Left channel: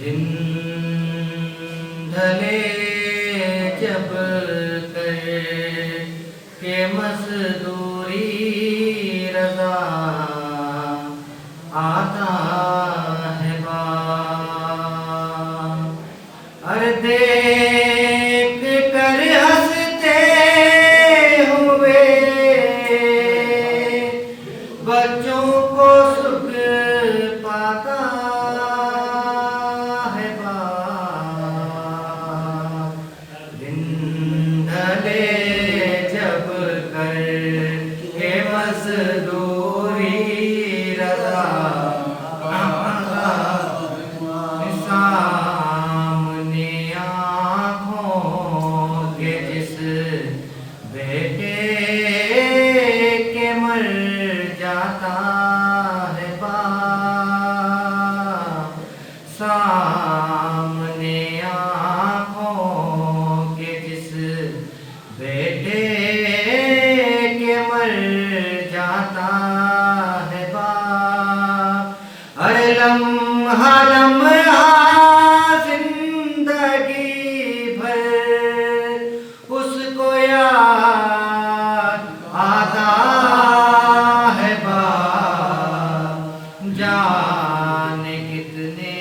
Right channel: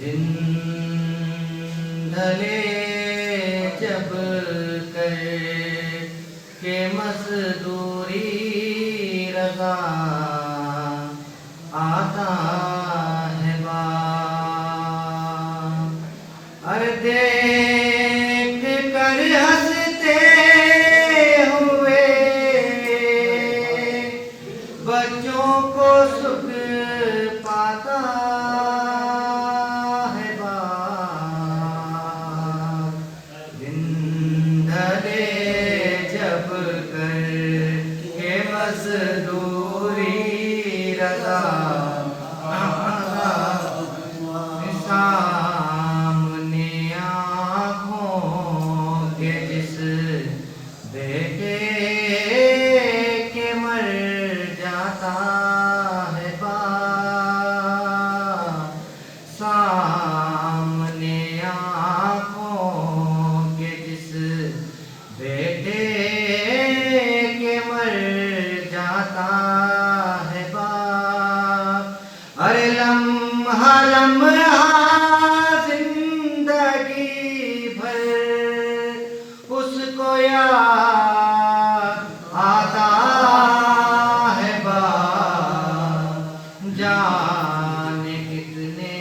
दिन ढले जब कर के मजदूरी रजा आता है बाप। अरे देख कर हंसते हुए बच्चों को सुख पाता है बाप। दिन ढले जब कर के मजदूरी रजा सामने आँखों के जिस बेटे के मर जाता है बाप। सामने आँखों के जिस बेटे के मर जाता है बाप। अरे लम्हा लम्हा जिंदगी भर उसको याद आता है बाप। जाने कितने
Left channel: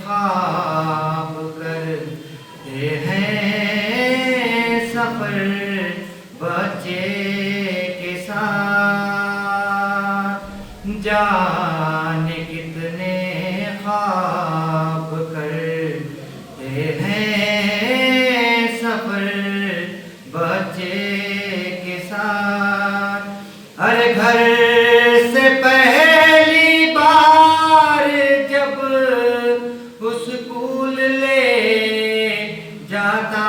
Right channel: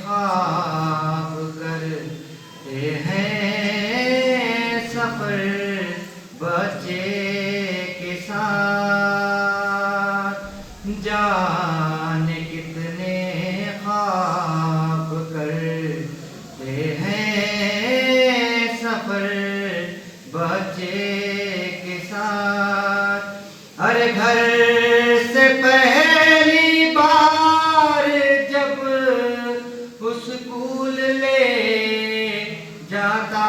ख्वाब करते हैं सफर बच्चे के साथ। जाने कितने ख्वाब करते हैं सफर बच्चे के साथ। अरे घर से पहली बार जब स्कूल ले जाता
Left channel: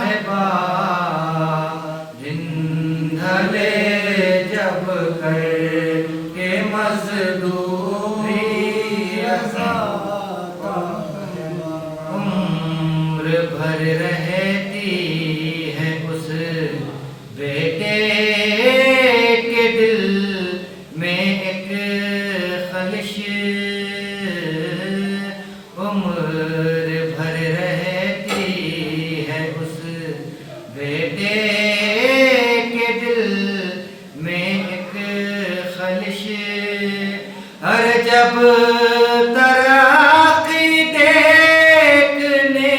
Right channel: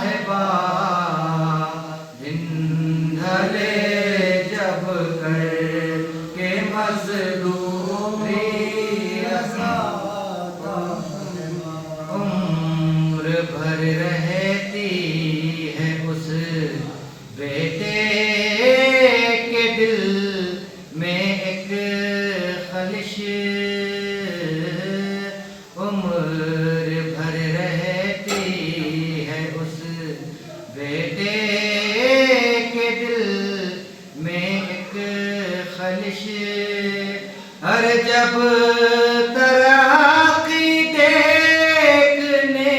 है बाप। दिन ढले जब कर के मजदूरी रजा उम्र भर रहती है उस बेटे के दिल में एक खलिश। उम्र भर रहती है उस बेटे के दिल में एक खलिश। अरे जब तरक्की देखने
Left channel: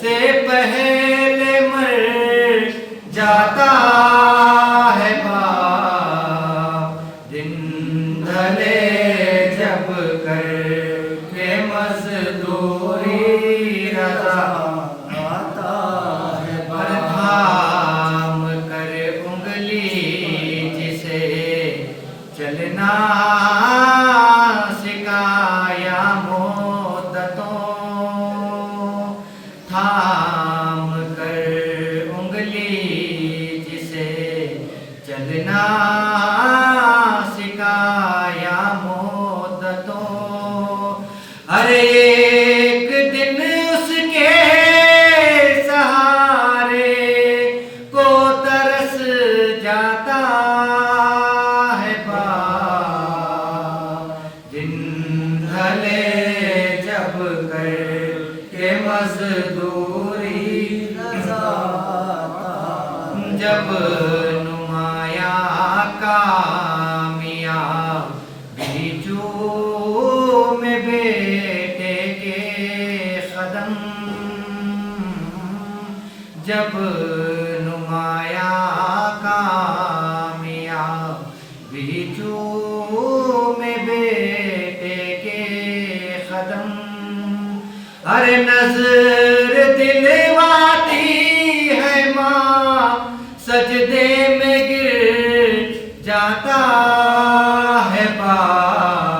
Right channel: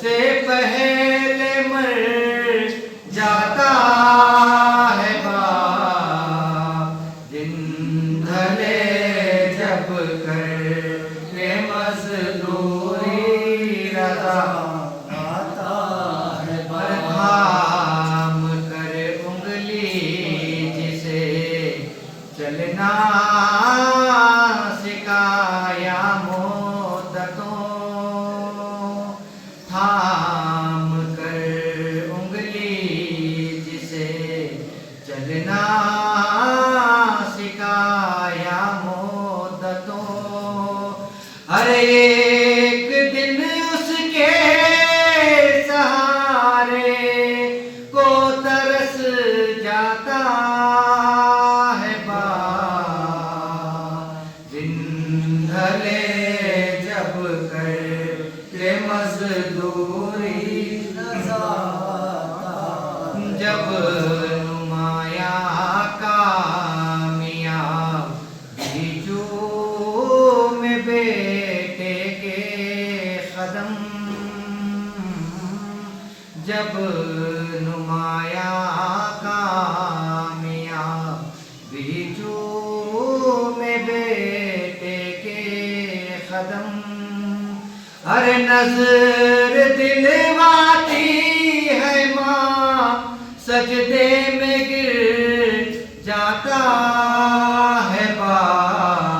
से पहले मर जाता है बाप। दिन ढले जब कर के मजदूरी रजा आता है बाप। थाम कर उंगली जिसे चलना सिखाया मोद्दतों। थाम कर उंगली जिसे चलना सिखाया मोद्दतों। अरे एक दिन उसके सहारे को तरस जाता है बाप। दिन ढले जब कर के मजदूरी जब नुमाया कामयाबी में बेटे के कदम। जब नुमाया कामयाबी में बेटे के कदम। अरे नजर दिलवाती है माँ सजदे में गिर जाता है बाप।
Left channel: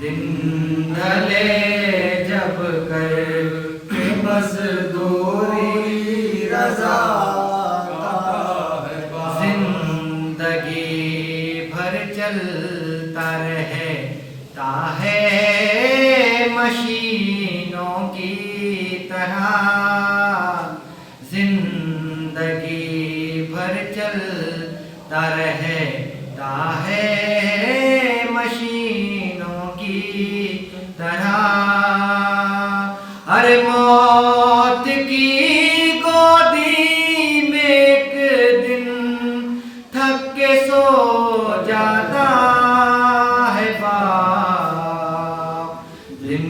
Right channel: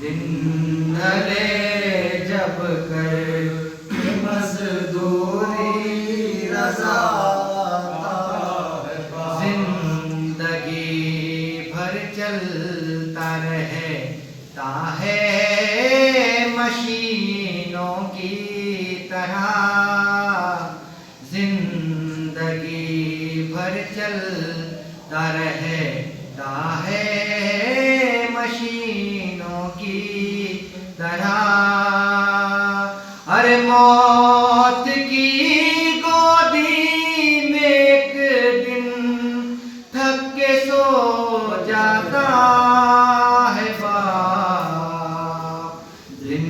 दिन ढले जब कर के मजदूरी रजा है बाप। जिंदगी भर चलता रहता है मशीनों की तरह जिंदगी भर चलता रहता है मशीनों की तरह। अरे मौत की गोदी में एक दिन थक के सो जाता है बाप। दिन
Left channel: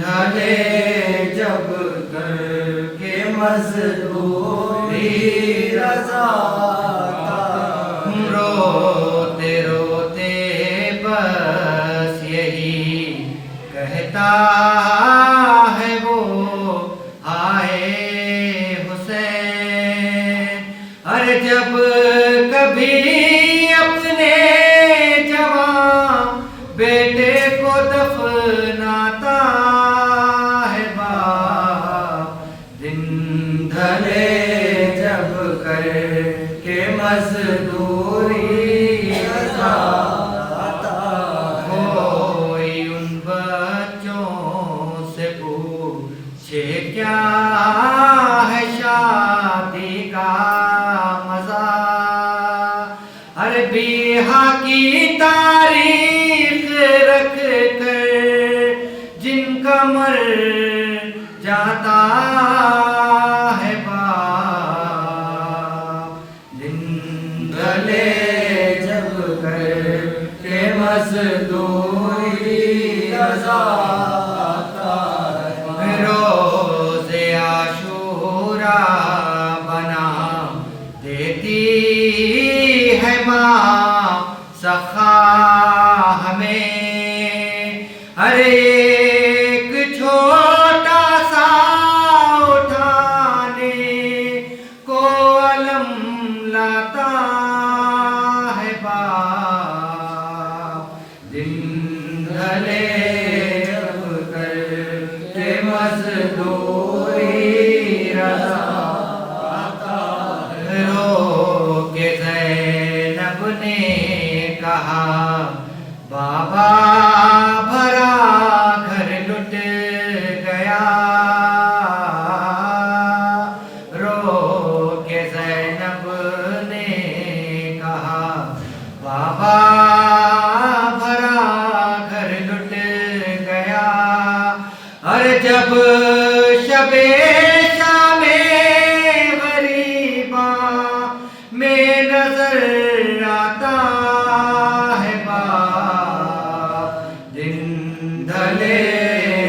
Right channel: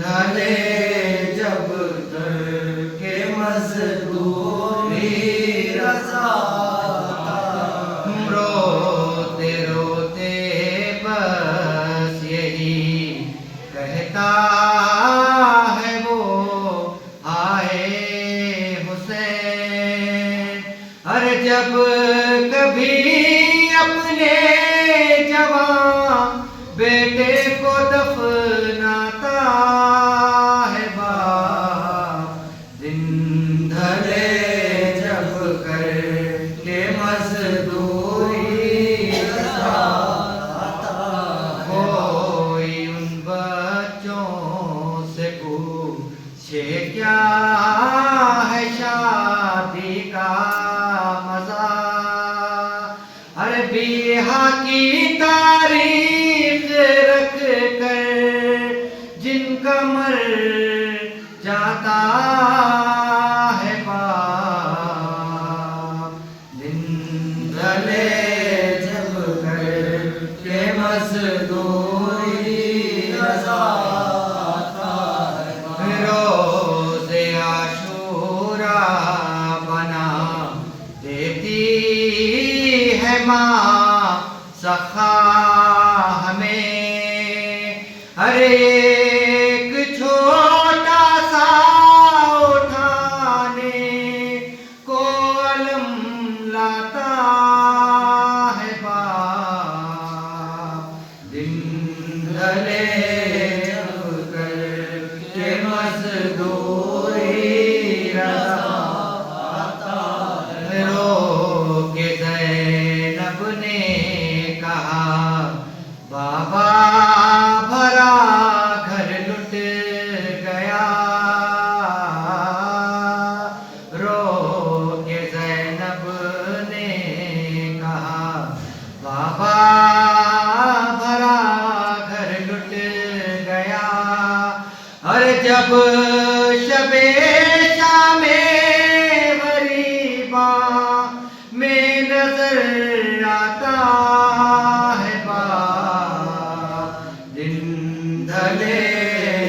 ढले जब करके मजदूरी रज़ा, रोते रोते बस यही कहता है वो हाय हुसैन। अरे जब कभी अपने जवान बेटे को दफनाता है बाप। दिन ढले जब करके मजदूरी कोई उन बच्चों से पूछे क्या है शादी का मजा। अरे बिहा की तारीख रख कर जिनका मर जाता है बाप। दिन ढले जब करके मजदूरी रज़ा, रोज़े आशूरा बना देती है माँ सखा हमें। अरे एक छोटा सा उठाने को अलम लाता है बाप। दिन ढले जब करके मजदूरी रज़ा, रो के ज़ैनब ने कहा बाबा भरा घर लुट गया। रो के ज़ैनब ने कहा बाबा भरा घर लुट गया। अरे जब शबे शामे गरीबा में नजर आता है बाप। दिन ढले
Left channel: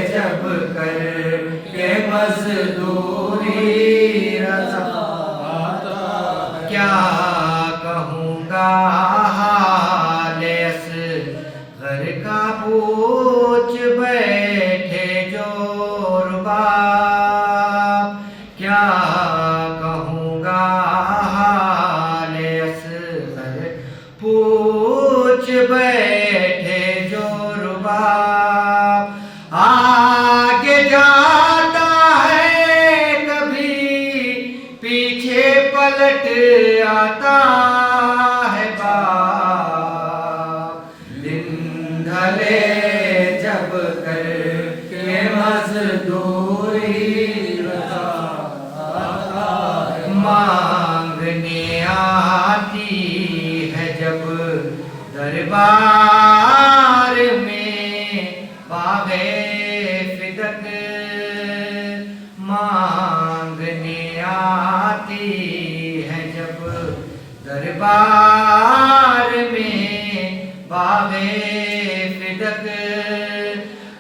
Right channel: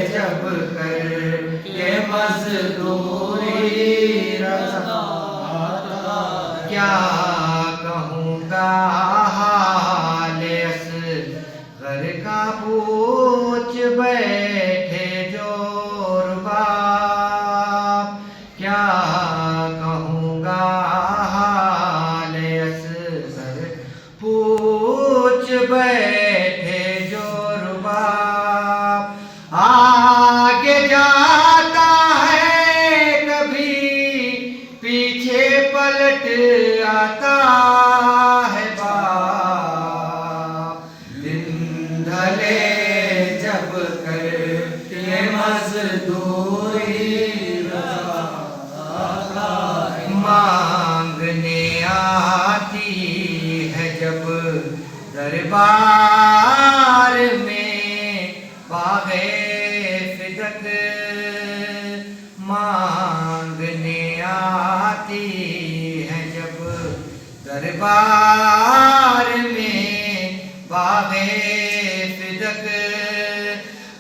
जब करके मजदूरी रज़ा, क्या कहूँगा हाल असग़र का पूछ बैठे जो रुबाब। क्या कहूँगा हाल असग़र पूछ बैठे जो रुबाब। आगे जाता है कभी पीछे पलट आता है बाप। दिन ढले जब करके मजदूरी रज़ा, मांगने आती है जब दरबार में बाग़े फिदक। मांगने आती है जब दरबार में बाग़े फिदक।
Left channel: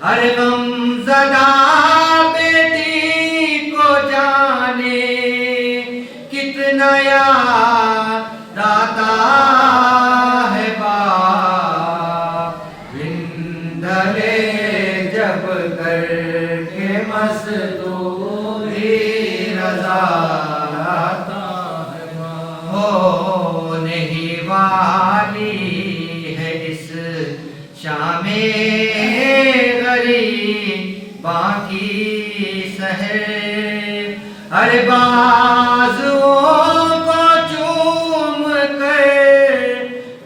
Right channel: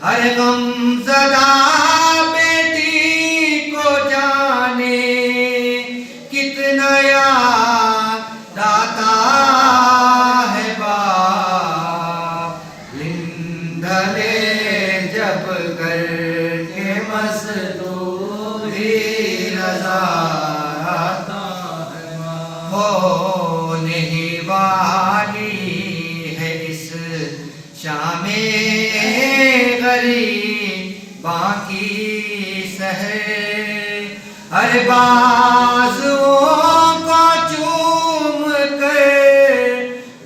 अरे गमज़दा बेटी को जाने कितना याद आता है बाप। दिन ढले जब करके मजदूरी रज़ा, होने ही वाली है इस शामे गरीबा की सहर। अरे बाजुओं को चूम कर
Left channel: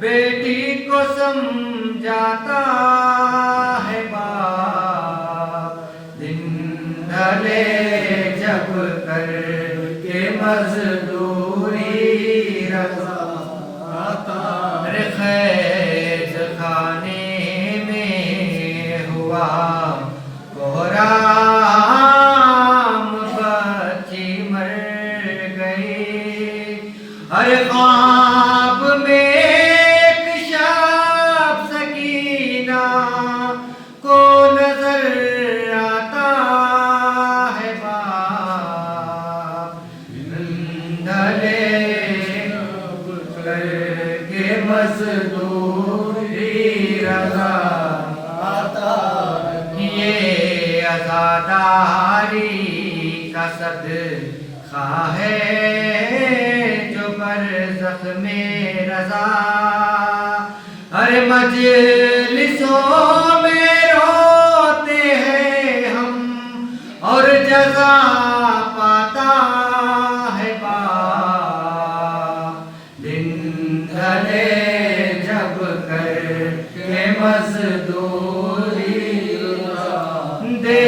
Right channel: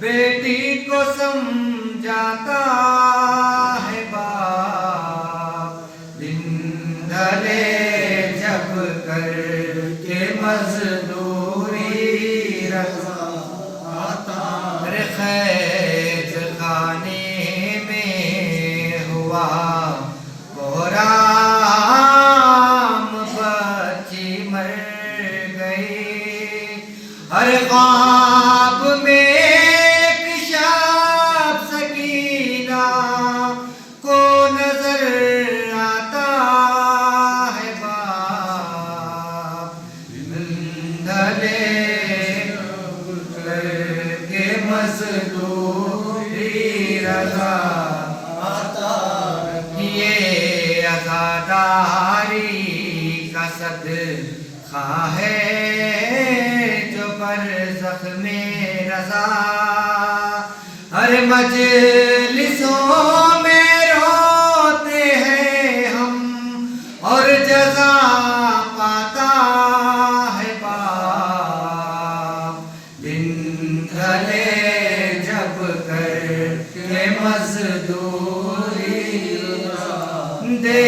बेटी को समझाता है बाप। दिन ढले कर के मजदूरी रजा आता। अरे खैज खाने में हुआ कोहराम, बच्ची मर गई। अरे ख्वाब में एक शब सकीना को नजर आता है बाप, धले करके मजदूरी रजा आता। ये अज़ादारी का सदका है जो बरज़ख में रज़ा। हर मजलिसों में रोते हैं हम और जज़ा पाता है बाप, दिन ढले जब कर के मजदूरी दे